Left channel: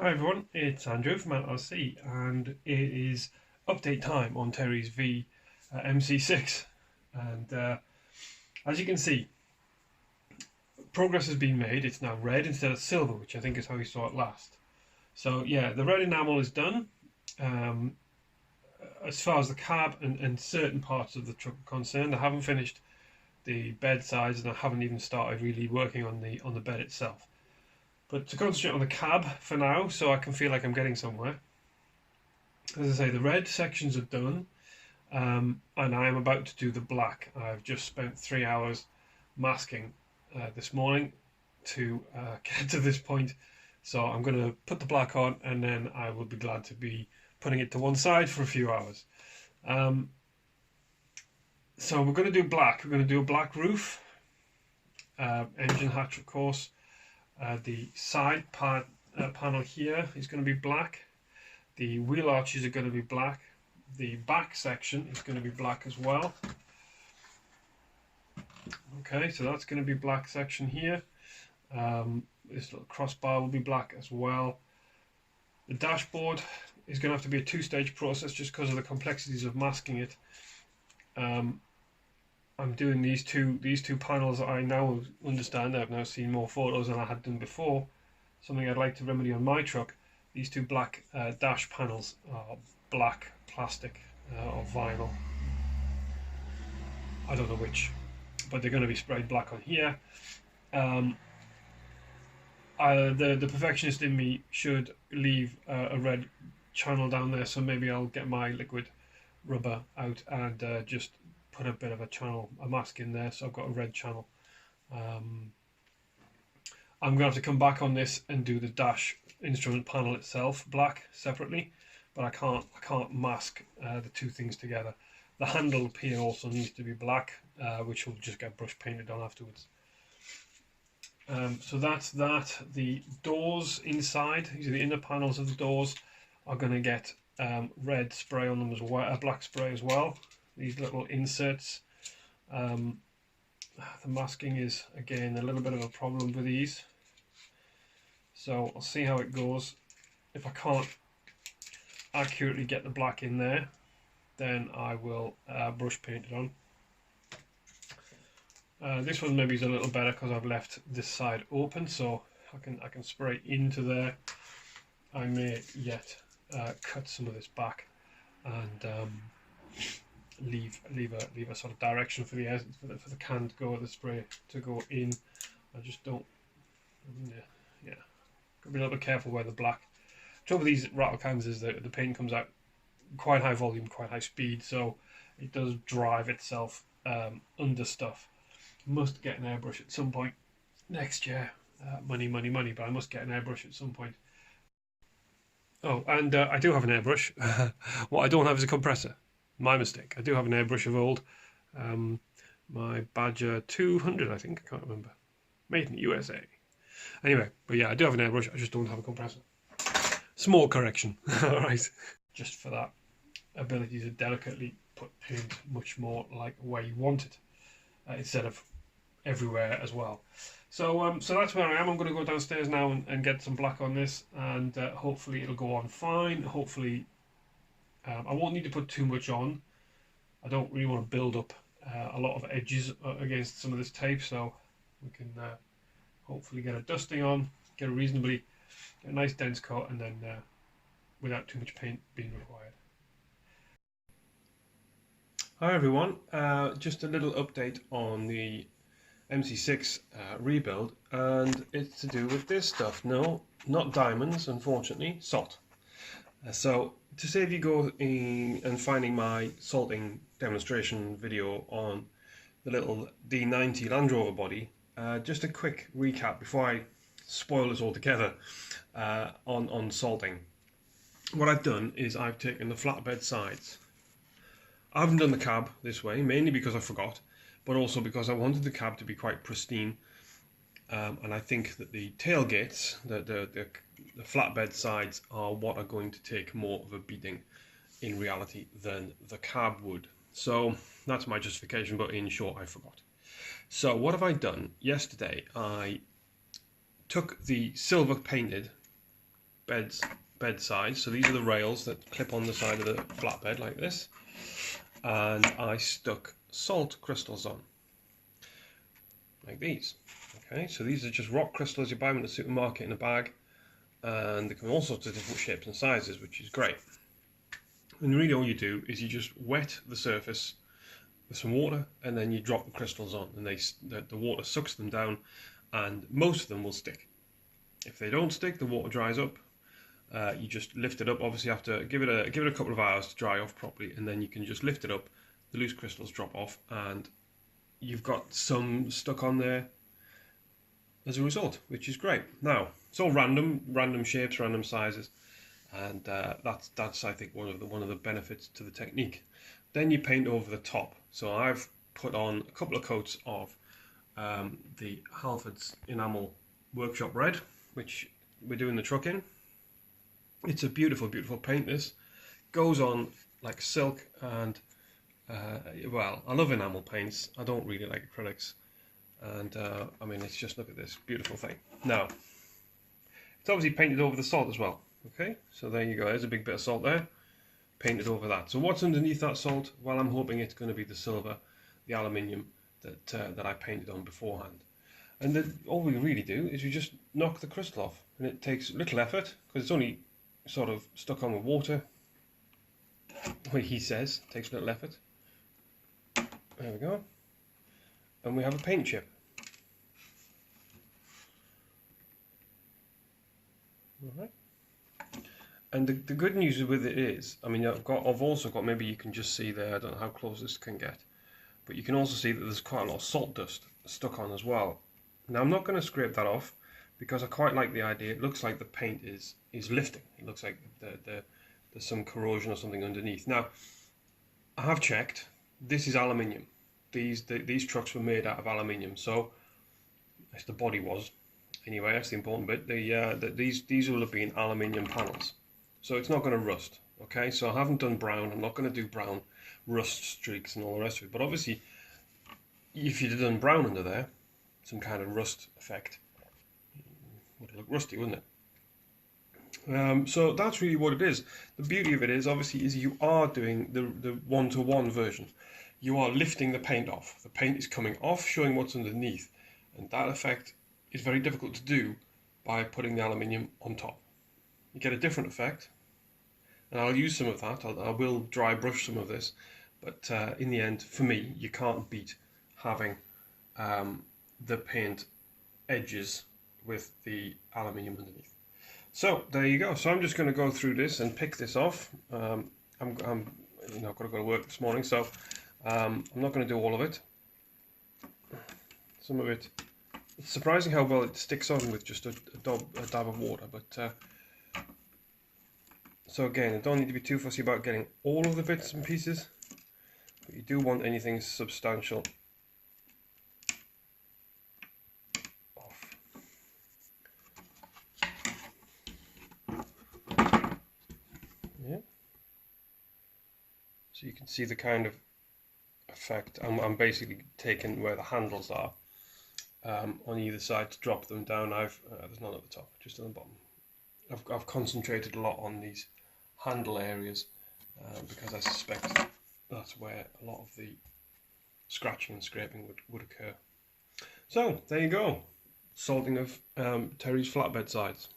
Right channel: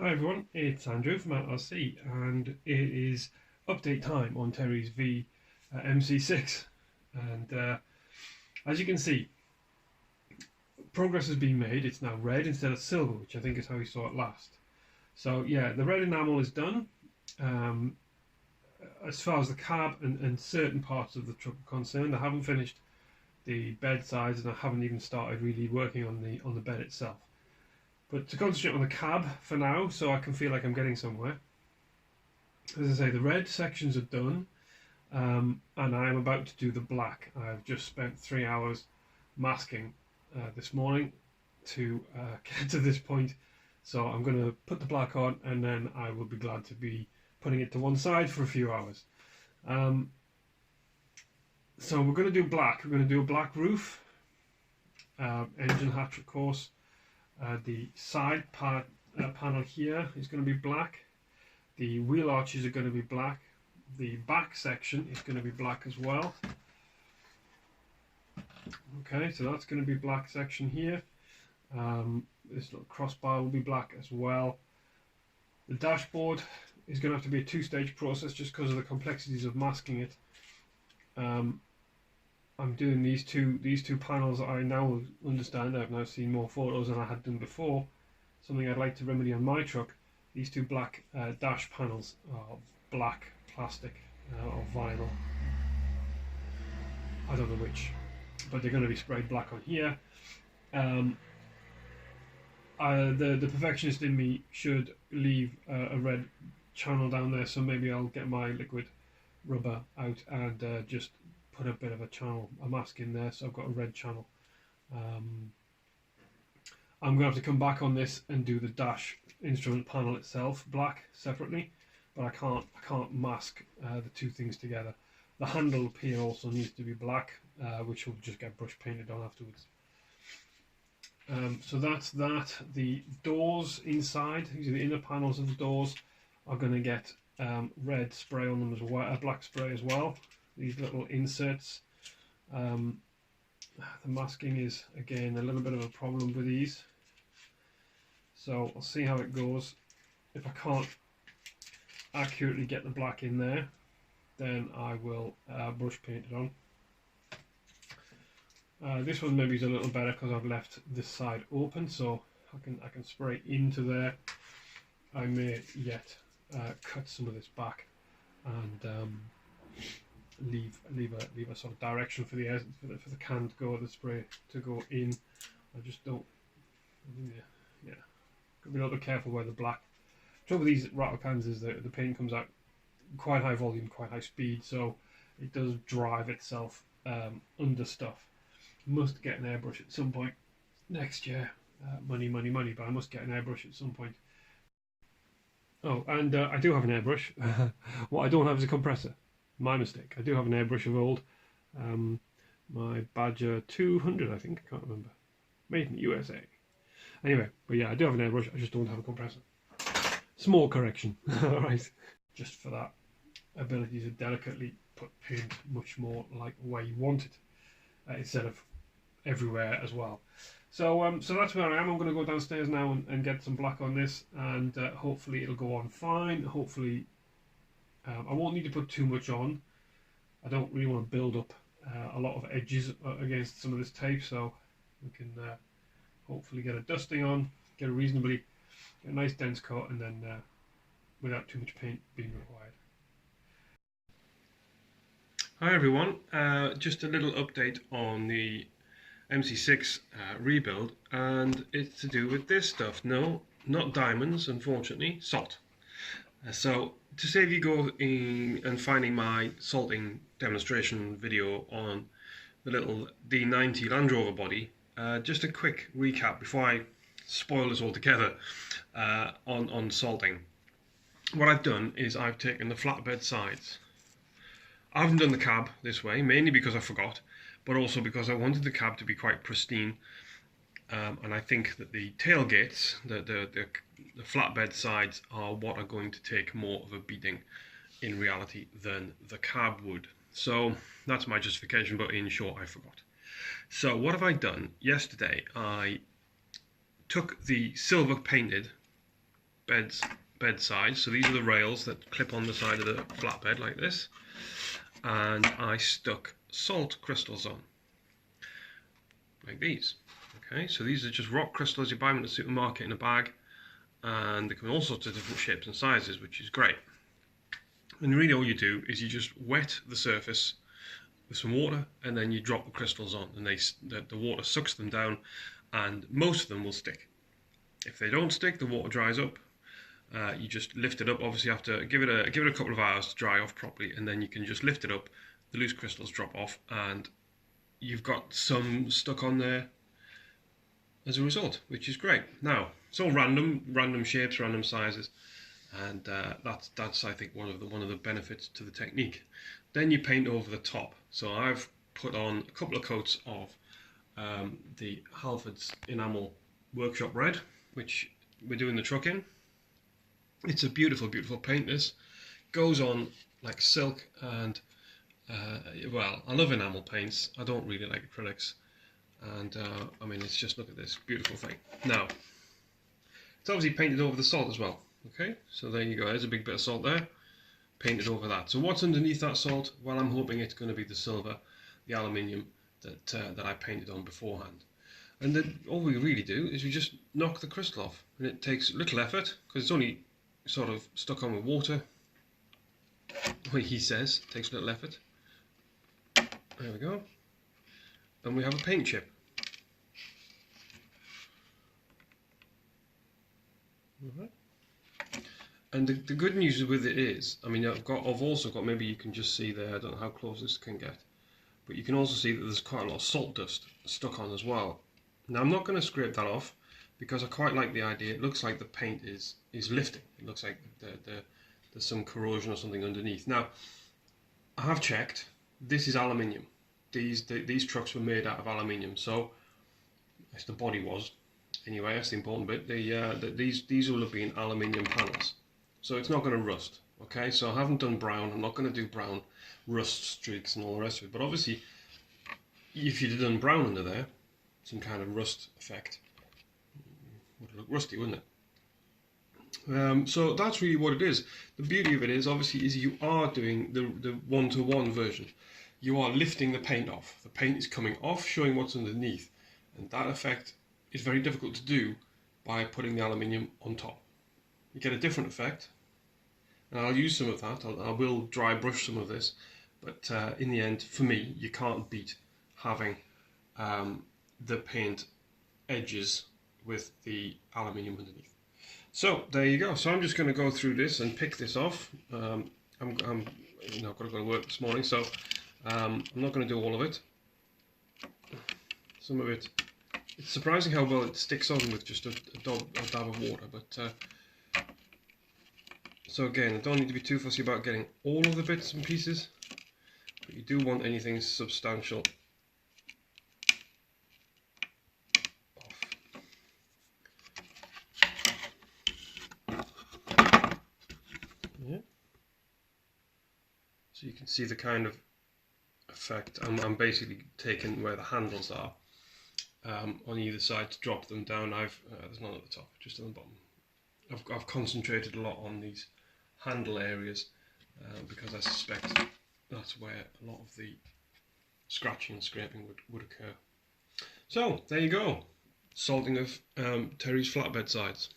Hi everyone, it's Andrew from RC and it is update time on Terry's V MC6 and as you can see progress has been made. It's now red instead of silver, which I think is how we saw it last. So yeah, the red enamel is done. As far as the cab and certain parts of the truck are concerned, I haven't finished the bed sides and I haven't even started really working on the bed itself. But to concentrate on the cab for now, so I can feel like I'm getting somewhere. As I say, the red sections are done, and I am about to do the black. I've just spent 3 hours masking this morning to get to this point. So I'm going to put the black on, and then I will be glad to be putting it to one side for a few hours. So we're going to do black. We're going to do a black roof, engine hatch, of course. The side panel here is going to be black. The wheel arches are going to be black. The back section is going to be black as well. Okay, so that's going to be black section here. This little crossbar will be black as well. The dashboard is going to have to be a two-stage process just because of the complexities of masking it. I'm doing these two panels that I now understand. I've now seen more photos than I had done before. Something I'd like to remedy on my truck. These two black dash panels are black plastic or vinyl. I don't know which, but they're going to be sprayed black on here. The perfectionist in me should leave a red channel down there, so maybe I'll get my liquid rubber out and just put a bit of a mask in there, so I've got a red channel. I'm going to have to come back on this and do the dash instrument panel itself black separately, but I can't mask the two things together. The handle up here also needs to be black, which will just get brush painted on afterwards. So that's that. The doors inside, these are the inner panels of the doors, are going to get red spray on them as well, black spray as well. These little inserts. The masking is again a little bit of a problem with these, so I'll see how it goes. If I can't accurately get the black in there, then I will brush paint it on. This one maybe is a little better because I've left this side open, so I can spray into there. I may yet cut some of this back and leave a sort of direction for the can to go, the spray to go in. I just don't. Yeah, gotta be a little bit careful where the black. The trouble with these rattle cans is that the paint comes out quite high volume, quite high speed, so it does drive itself under stuff. Must get an airbrush at some point next year. Money, but I must get an airbrush at some point. Oh, and I do have an airbrush. What I don't have is a compressor. My mistake. I do have an airbrush of old. My Badger 200, I think. I can't remember. Made in the USA. Anyway, but yeah, I do have an airbrush. I just don't have a compressor. Small correction. Alright. Just for that ability to delicately put paint much more like where you want it, instead of everywhere as well. So so that's where I am. I'm going to go downstairs now and get some black on this, and hopefully it'll go on fine. Hopefully I won't need to put too much on. I don't really want to build up a lot of edges against some of this tape, so we can hopefully get a dusting on, get a nice dense coat, and then without too much paint being required. Hi everyone, just a little update on the MC6 rebuild, and it's to do with this stuff. No, not diamonds, unfortunately, salt. So to save you go in and finding my salting demonstration video on the little D90 Land Rover body, just a quick recap before I spoil this altogether on salting. What I've done is I've taken the flatbed sides. I haven't done the cab this way, mainly because I forgot, but also because I wanted the cab to be quite pristine, and I think that the tailgates, the flatbed sides, are what are going to take more of a beating in reality than the cab would. So that's my justification, but in short, I forgot. So what have I done? Yesterday I took the silver painted bed sides. So these are the rails that clip on the side of the flatbed like this, and I stuck salt crystals on, like these. Okay, so these are just rock crystals you buy them in the supermarket in a bag, and they come in all sorts of different shapes and sizes, which is great. And really all you do is you just wet the surface with some water, and then you drop the crystals on, and the water sucks them down, and most of them will stick. If they don't stick, the water dries up. You just lift it up. Obviously, you have to give it a couple of hours to dry off properly, and then you can just lift it up. The loose crystals drop off, and you've got some stuck on there as a result, which is great. Now it's all random shapes, random sizes, and that's I think one of the benefits to the technique. Then you paint over the top. So I've put on a couple of coats of the Halford's enamel workshop red, which we're doing the truck in. It's a beautiful, beautiful paint. This goes on like silk, and well, I love enamel paints. I don't really like acrylics, and I mean, it's just, look at this beautiful thing. Now, it's obviously painted over the salt as well. Okay, so there you go. There's a big bit of salt there, painted over that. So what's underneath that salt? Well, I'm hoping it's going to be the silver, the aluminium that I painted on beforehand. And then all we really do is you just knock the crystal off, and it takes little effort because it's only sort of stuck on with water. Well, he says it takes little effort. There we go, and we have a paint chip. All right. And the good news with it is, I mean, I've also got, maybe you can just see there, I don't know how close this can get, but you can also see that there's quite a lot of salt dust stuck on as well. Now I'm not going to scrape that off because I quite like the idea. It looks like the paint is lifting. It looks like there's some corrosion or something underneath. Now I have checked. This is aluminium. These trucks were made out of aluminium. So as the body was, anyway, that's the important bit. These will have been aluminium panels, so it's not going to rust. Okay, so I haven't done brown. I'm not going to do brown rust streaks and all the rest of it. But obviously, if you'd have done brown under there, some kind of rust effect, would look rusty, wouldn't it? So that's really what it is. The beauty of it is, obviously, is you are doing the one-to-one version. You are lifting the paint off. The paint is coming off, showing what's underneath, and that effect is very difficult to do by putting the aluminium on top. You get a different effect, and I'll use some of that. I will dry brush some of this, but in the end, for me, you can't beat having the paint edges with the aluminium underneath. So there you go. So I'm just going to go through this and pick this off. I'm got to go to work this morning, so I'm not going to do all of it. Some of it, it's surprising how well it sticks on with just a dab of water. But so again, I don't need to be too fussy about getting all of the bits and pieces, but you do want anything substantial off. Yeah. So you can see the kind of effect. I'm basically taking where the handles are on either side to drop them down. There's none at the top, just on the bottom. I've concentrated a lot on these handle areas because I suspect that's where a lot of the scratching and scraping would occur. So there you go, salting of Terry's flatbed sides.